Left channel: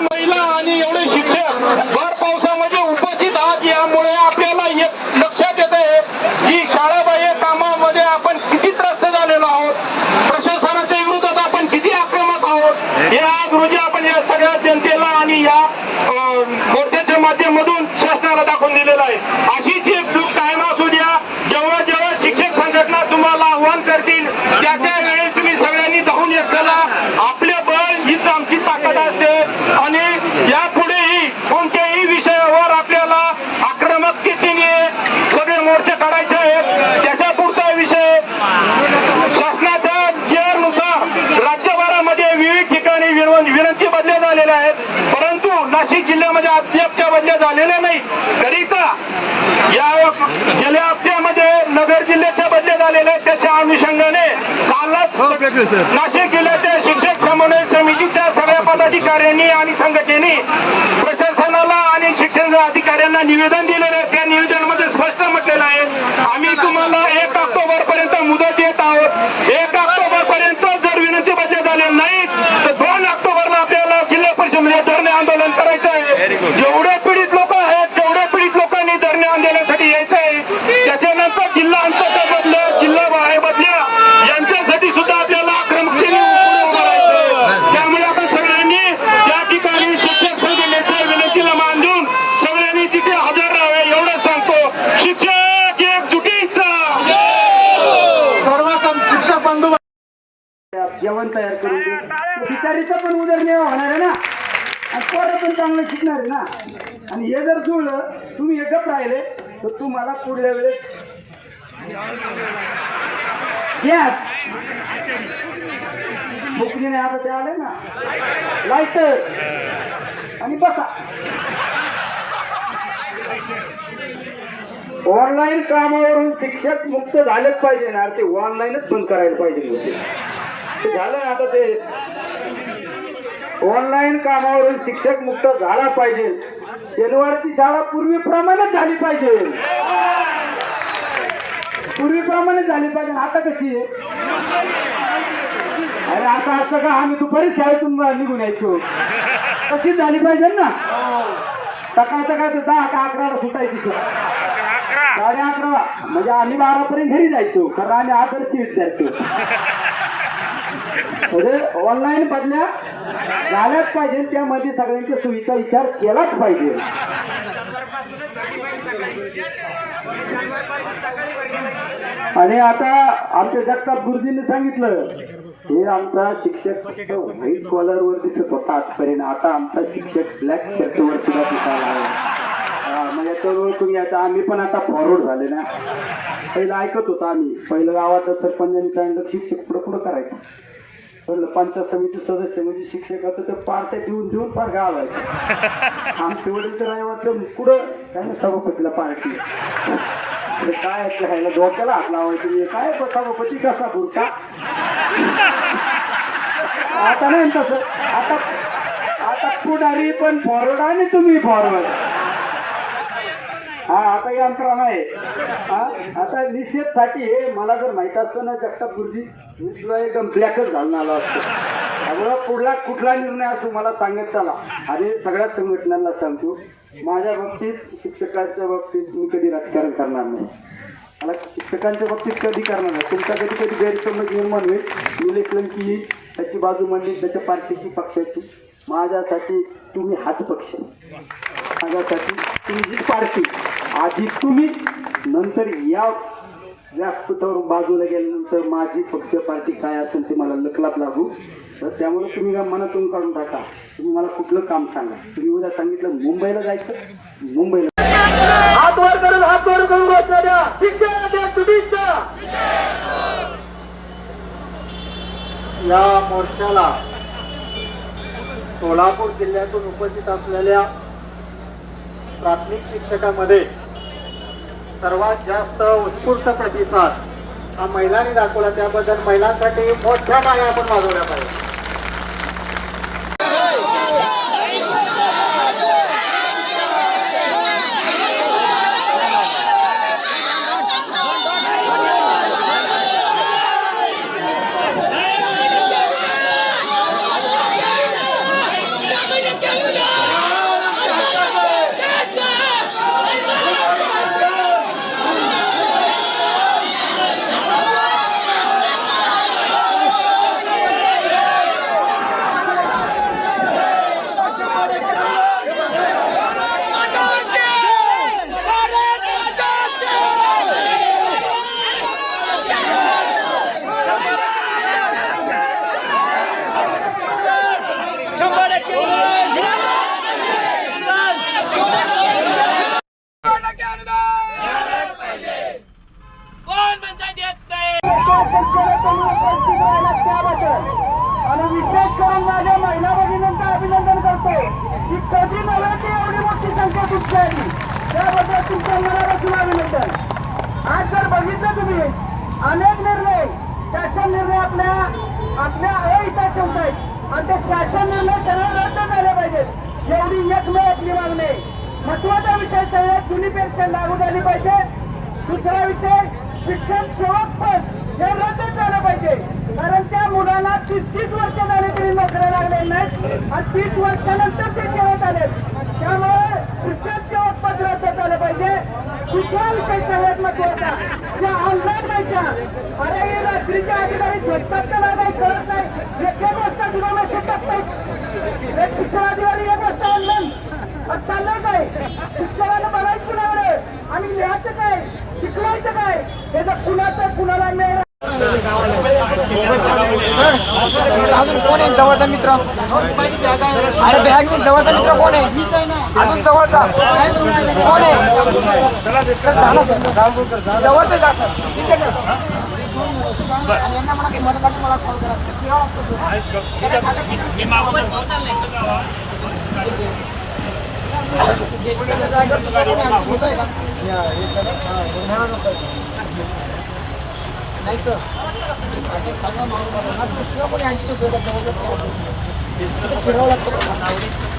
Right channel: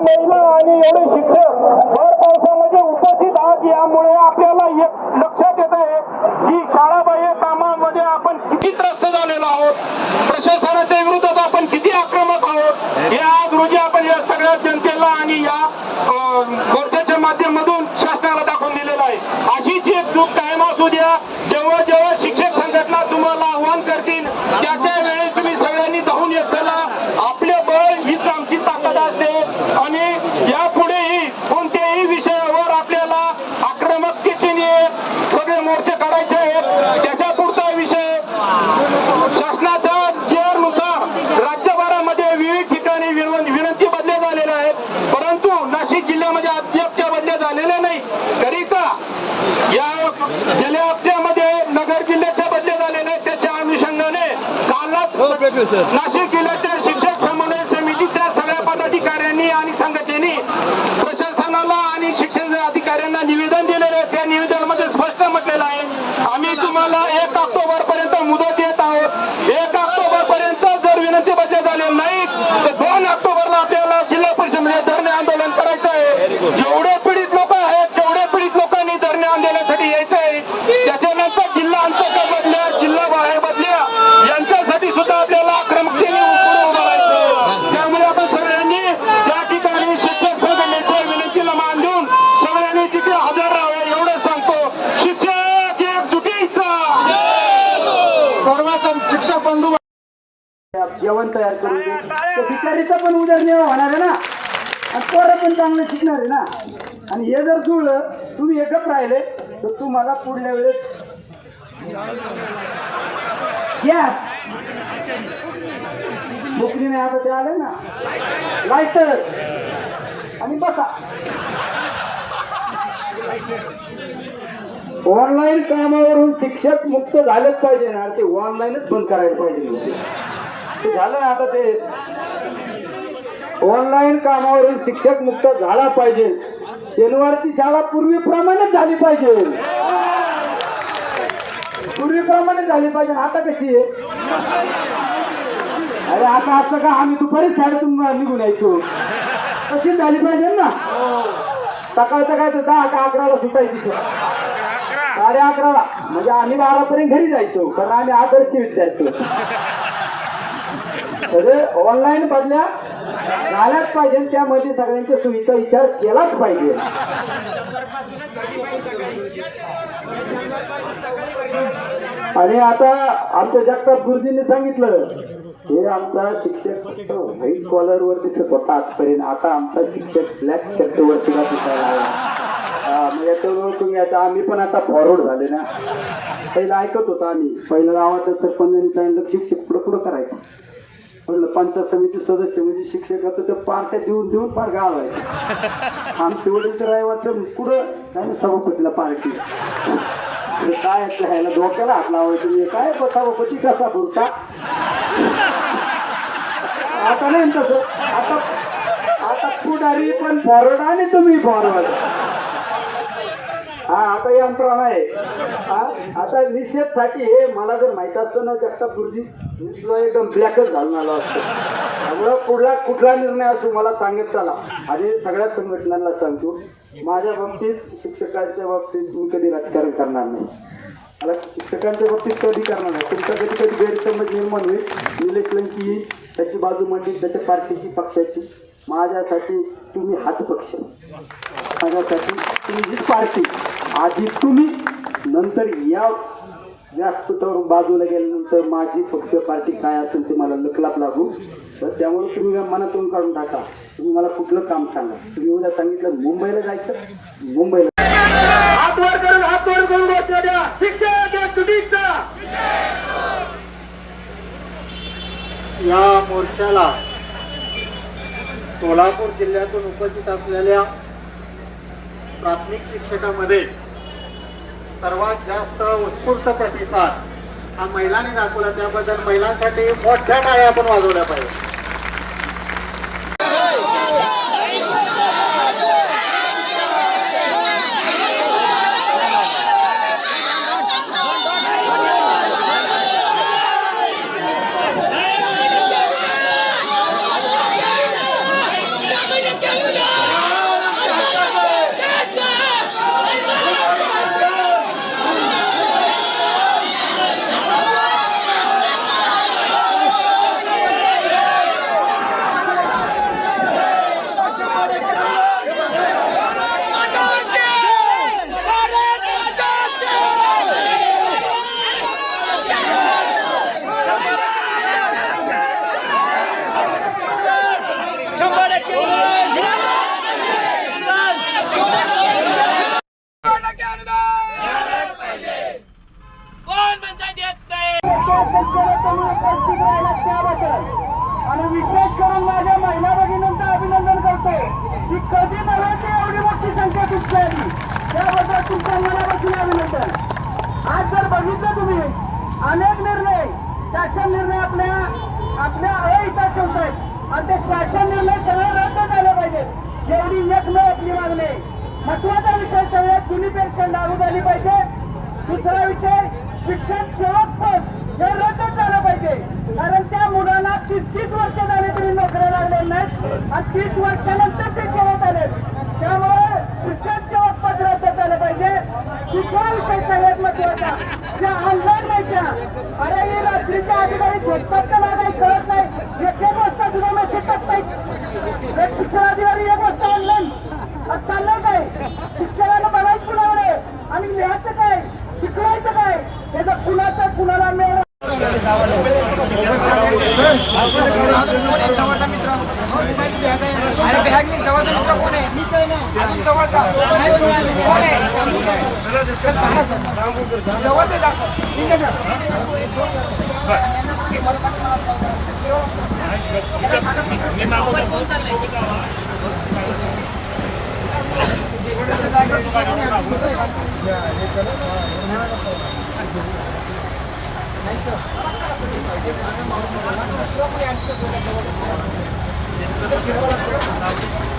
महिला आणि एवढे शिक्षक भर पावसामध्ये उपस्थित आहात. यामुळे आपल्याला लक्षात येत आहे की शाळाबाह्य कामामध्ये आपण किती त्रस्त झालेलो आहोत. प्रशासनाच्या विरोधात आपण किती आक्रमक आहोत. हे आज रोजी आपण या सगळ्या जनतेला आणि या अं, मोर्चाच्या माध्यमातून शासनाला दाखवून दिलेलं आहे अशीच एक दूध कायम असू द्या जेव्हा जेव्हा शिक्षक संघटना तुम्हाला आव्हान करतील त्या त्या वेळेस तुम्ही सगळ्यांनी धावून येत चला आपले बळ हीच आमची ताकद असते आणि यापुढेही कोणत्याही विषयावर आपल्याला आक्रमकतेने सगळे मोर्चे काढायचे आहेत त्याच्या पुढचा विषय शासनाच्या नुसार राज्यभरामध्ये विविध ठिकाणी विनव- विनंती बदल्या झालेल्या आहेत परंतु नाशिक जिल्ह्यामध्ये अद्याप त्या बदल्या झालेल्या नाही करिता या गेल्या हप्त्यामध्ये नगर जिल्ह्याच्या बदल्या झालेल्या आहेत त्याच्या अनुषंगाने कालच नाशिक जिल्ह्याच्या शिक्षक समन्वय समितीच्या सगळ्या पदाधिकाऱ्यांनी आणि संघटनेने प्रशासनाला आणि शिक्षण अधिकाऱ्यांना निवेदन दिलेलं आहे. त्या निवेदनामध्ये स्पष्ट म्हटलेलं आहे आम्ही तुम्हाला एक ऑक्टोबर पर्यंत मुदत देत आहोत. एक ऑक्टोबर पर्यंत जर विनंती बदल्या झाल्या नाहीत तर दोन ऑक्टोबरला आपल्याला जिल्हा परिषदेमध्ये धरणे आंदोलन करायचं आहे. जेवढे जेवण तयार करून दे तर बिचारीचा पण उदरनिर्वाह होणार आहे ना? आणि पोरं पण चांगलं शिकणार आहे ना? आणि हे जर जुळलं तुम्ही एकच राहिले तर तुम्हाला पुढल्या वेळेस घ्या बुकरीने आता ते आले ना? लायटर आणि बसा. ऑनलाईन कामावरून शिक्षक मुक्त झालेच पाहिजे ना? ते ऑनलाईनच बंद करायला पाहिजे झालं आता ते. ऑनलाईन कामावरून शिक्षक मुक्त झाला पाहिजे. शनिवारची शाळा पूर्वीप्रमाणेच झाली पाहिजे. पूर्वीप्रमाणे झाली पाहिजे. आता कशी आहे? अरे आता असं का? आम्ही दुपारी शाळेतून निघून यायचो. कशी झाली पाहिजे ना? सकाळ सकाळ तर दहा का अकराला सुटायची साडे अकराला. म्हणजे आम्ही बारापर्यंत घरी जायचो. कारण आम्ही आदर्श विद्यार्थी. म्हणजे ऑनलाईन बदल्या झाल्याच पाहिजे. त्यामध्ये सगळ्यांच्या सुविधा विचार केलाच पाहिजे. आणि आता आमच्या जगताप गुरुजींनी सांगितलं हे आमचा शिक्षक व्हाईट कॉलर वर दिसत होता आजपर्यंत. आता आमचा शिक्षक ब्लॅक शर्ट वर सुद्धा दिसायला तुम्ही आता आम्ही पण आता फॉरवर्ड झाले ना. पहिलं ऐकत होतो आम्ही. पहिलं गावात सरपंचांनी सांगितलं शिक्षक पुढं पुढं करायचं. पंचायत समिती सदस्य म्हणजे शिक्षकाचं ते पार्ट्या देऊन देऊन फार गाव आहे. आमचे वडील तर आहे वाटलं कुठं? काय सभापतीला पार्टी. काय राहायला ते ह्याला डोक्याला हात लावायचं हे काय सभापती? कसा बुरका? आता नाही तसं. आता आता पुढारी पण फॉरवर्ड आणि तुम्ही फॉरवर्ड हा आता यंत्रणा आहे. आता निषेधसाठी हे मला जर माहीत असतं ना जगताप गुरुजी मी सुद्धा एकदम ब्लॅकच घालून आलो असतो. त्यामुळं पुढला कुठला निर्णय असो मला सांगत चला. आणि सगळ्या संघटनांना सांगतो माझ्या बाबतीत शिक्षकांच्या बाबतीत मी कधी राजकारण करणार नाही. मला शिक्षकांच्या बाबतीत कधी करणार नाही. तुमचा कधी कधी गैरसमज निर्माण होईल इलेक्शनची येईल त्याची बाजू म्हणजे त्याच्या पार्टीची पक्षाची. माझ्यासाठी तुम्ही हाच पक्ष माझ्यासाठी तुमची पार्टी. आधी तुम्ही नंतर या व्यासपीठावर बाजूला गेल्यानंतर माझी पक्ष पार्टी काय असेल ते मला लकलाप लागू. तर त्यामुळे तुम्ही या मनातून काढून टाका. तुम्ही मला कुठलं काम सांगा. तुम्ही उद्या सांगितलं मुंबईला जायचं मुंबईला. हात करून हात करून बसलेल्या या मोर्चाला सोलापूर जिल्ह्यातून उपस्थित असलेल्या प्राथमिक शिक्षकामध्ये सर्वात जास्त उत्स्फूर्त प्रतिसाद हा महिलांनी दाखवला. त्याबद्दल महिलांसाठी मोठ्या माळ्या आपण वाजवल्या पाहिजे महिन्यात ती कधी नव्हे ती एवढी मोठी संख्या तुमची आली त्याबद्दल तुमच्या मनापासून अभिनंदन आज जर बघितलं तुम्ही अनेक निर्णय शासन निर्णय आपल्या आपल्या अहिताचे होत आहेत आणि ते शासन निर्णय सर्व रद्द झाले पाहिजेत एवढी एकमेव आपली मागणी महत्त्वाचा विषय सगळ्यात जुनी पेन्शन लागू झाली पाहिजे. दुसरा विषय शिक्षण सेवक पद हे रद्द झालं पाहिजे. कारण त्या मुलांना तीस तीस वर्ष झाले तरी नोकऱ्या लागले नाहीत. आणि तीस वर्षानंतर ते सेवेत आले त्यामुळे शिक्षण सेवक पद रद्द झालं पाहिजे. दुसरा विषय सगळ्यात महत्त्वाचा ज्या ऑनलाईन माहित्या अरे अधिकारी झोपतात का नाही. काही कळत नाही एक एक वाजता सुद्धा मेसेज टाकतायत एक शिक्षणाधिकारी एक वाजता ऑनलाईन आज चाललंय काय? शिक्षणाला बघायचं कुणाकडे आणि लिहायचं काय? शिकवायचं काय? त्याचं कुणाचं कुणाला मिळणार जवळचा मित्र जवळचा मित्र कोण आहे? ना. कोण आहे? होतंय का? नाही सर. चांगला माणूस म्हणून दुसरा कोणी फिरावं लागतं.